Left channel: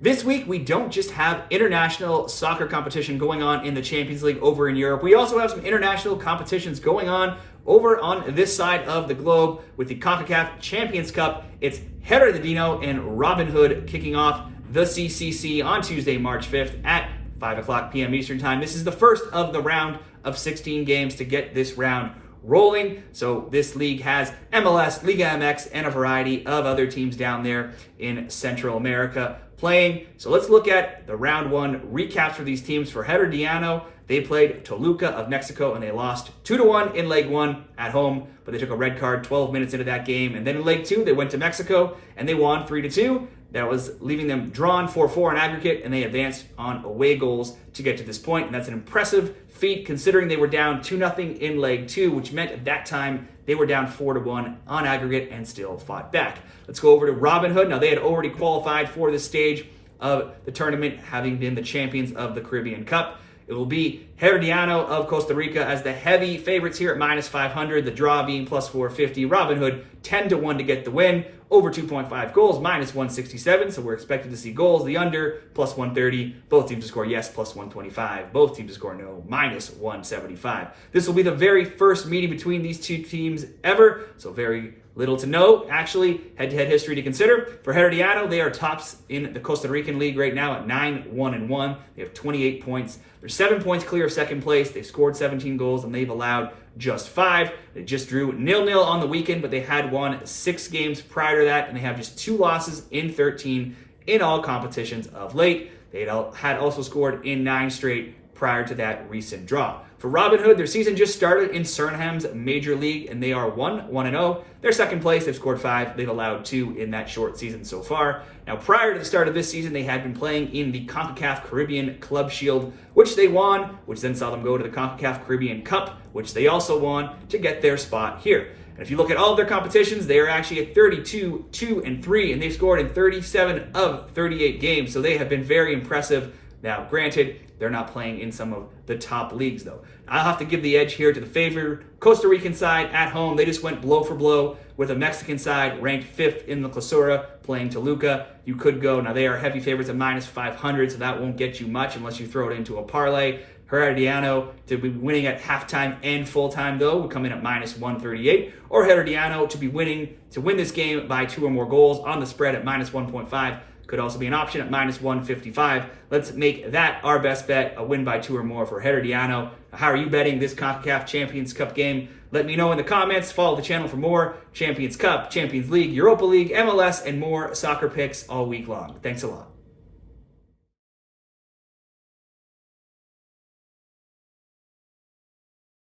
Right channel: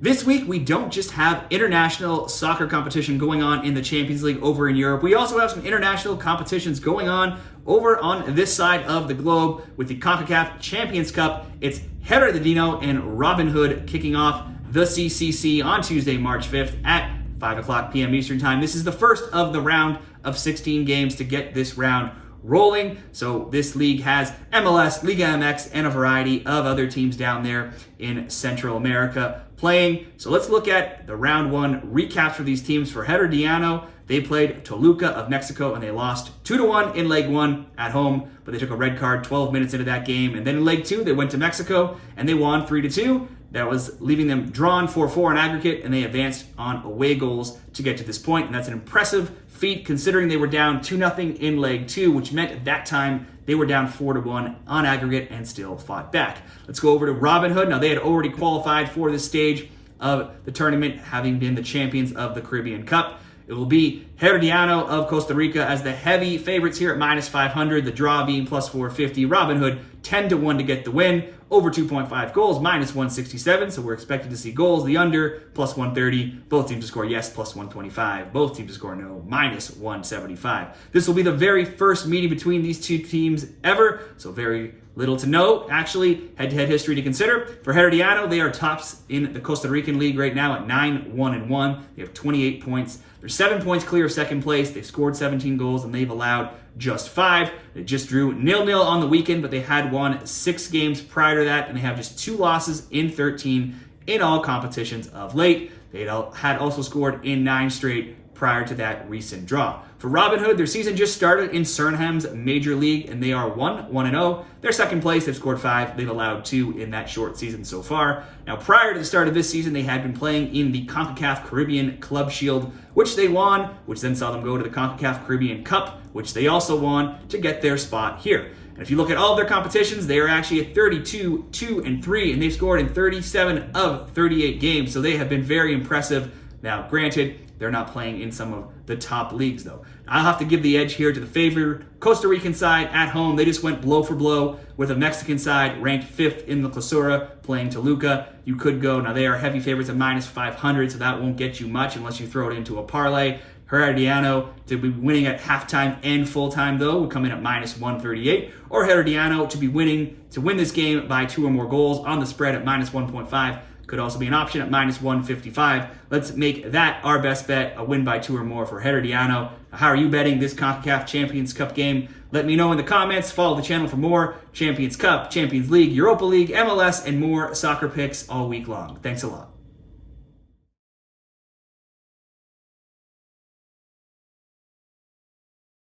This week, we don't just have international soccer competition going on in the Champions League over in Europe. We also have some international competitions going on over on this side of the globe with the CONCACAF Champions Cup. It's Herediano and Robinhood kicking off the CCC on Tuesday, March 5th at 5 o'clock p.m. Eastern Time. This is the first of the round of 16 games to get this round rolling. So this league has MLS, Liga MX, and a variety of other teams down there in Central America playing. So let's look at the round one recaps for these teams. For Herediano, they played Toluca of Mexico and they lost 2-1 in leg one at home, but they took a red card 12 minutes into that game. And then in leg two, they went to Mexico and they won 3-2. That was leaving them drawn 4-4 in aggregate, and they advanced on away goals to get to this point. And that's an impressive feat considering they were down 2-0 in leg two, which meant at that time they were down 4-1 on aggregate and still fought back. Let's go over to Robinhood. Now, they had already qualified for this stage of the tournament, having been the champions of the Caribbean Cup. It will be Herediano of Costa Rica as the heavy favorites here at -500, the draw being +450. Robinhood 10-1 to get the win, over 2.5 goals, -167. So we're expected to see goals. The under, +130. Both teams to score yes, +125. Both teams to score no, -175. This will be the very first meeting between these two teams ever, so very little to know, actually, head-to-head history to consider. For Herediano, they are tops in the Costa Rican League right now at 9-1-1. They have 28 points. They're 7 points clear of second place. They've scored 17 goals, and they've allowed just 5. They just drew 0-0 on the weekend, but they had won 6 games prior to that, and they have just 2 losses in 13 in all competitions of late. They had also scored in 9 straight prior to that recent draw. For Robinhood, their season just started in Surinam's Major League, and they are 1-0. They're second place. They've scored 5. They've allowed 2 in that short season so far. Now, prior to the start of this season, they had been playing in the CONCACAF Caribbean Club Shield, which they won, which then saw them go to the CONCACAF Caribbean Cup, which they also won to get their spot here. And if you look at all of their competitions, they are actually at 32-2-3, and they've scored in 37 of 38 games. So they have been very impressive. Now, granted, they're not playing in some of the top leagues, though. I'll have to give the edge here to the favored Costa Rican side at home. They just went blow for blow with a Mexican side ranked 5th in the Clausura playing Toluca. You could go, now they are heavy favorites at -500, so that won't get you much unless you throw it into a parlay. Herediano to be winning at halftime and full-time, though, would come in at -138. Or Herediano to win this game by 2 or more goals on the spread at -1.5. Could also be an option at -155. Let's make that our best bet, a win by 2 or more for Herediano. How are you betting this CONCACAF Champions Cup game? Let me know in the comments. Follow the channel for more Champions Cup, Champions League, Europa League, MLS, and more soccer picks all week long. Thanks a lot.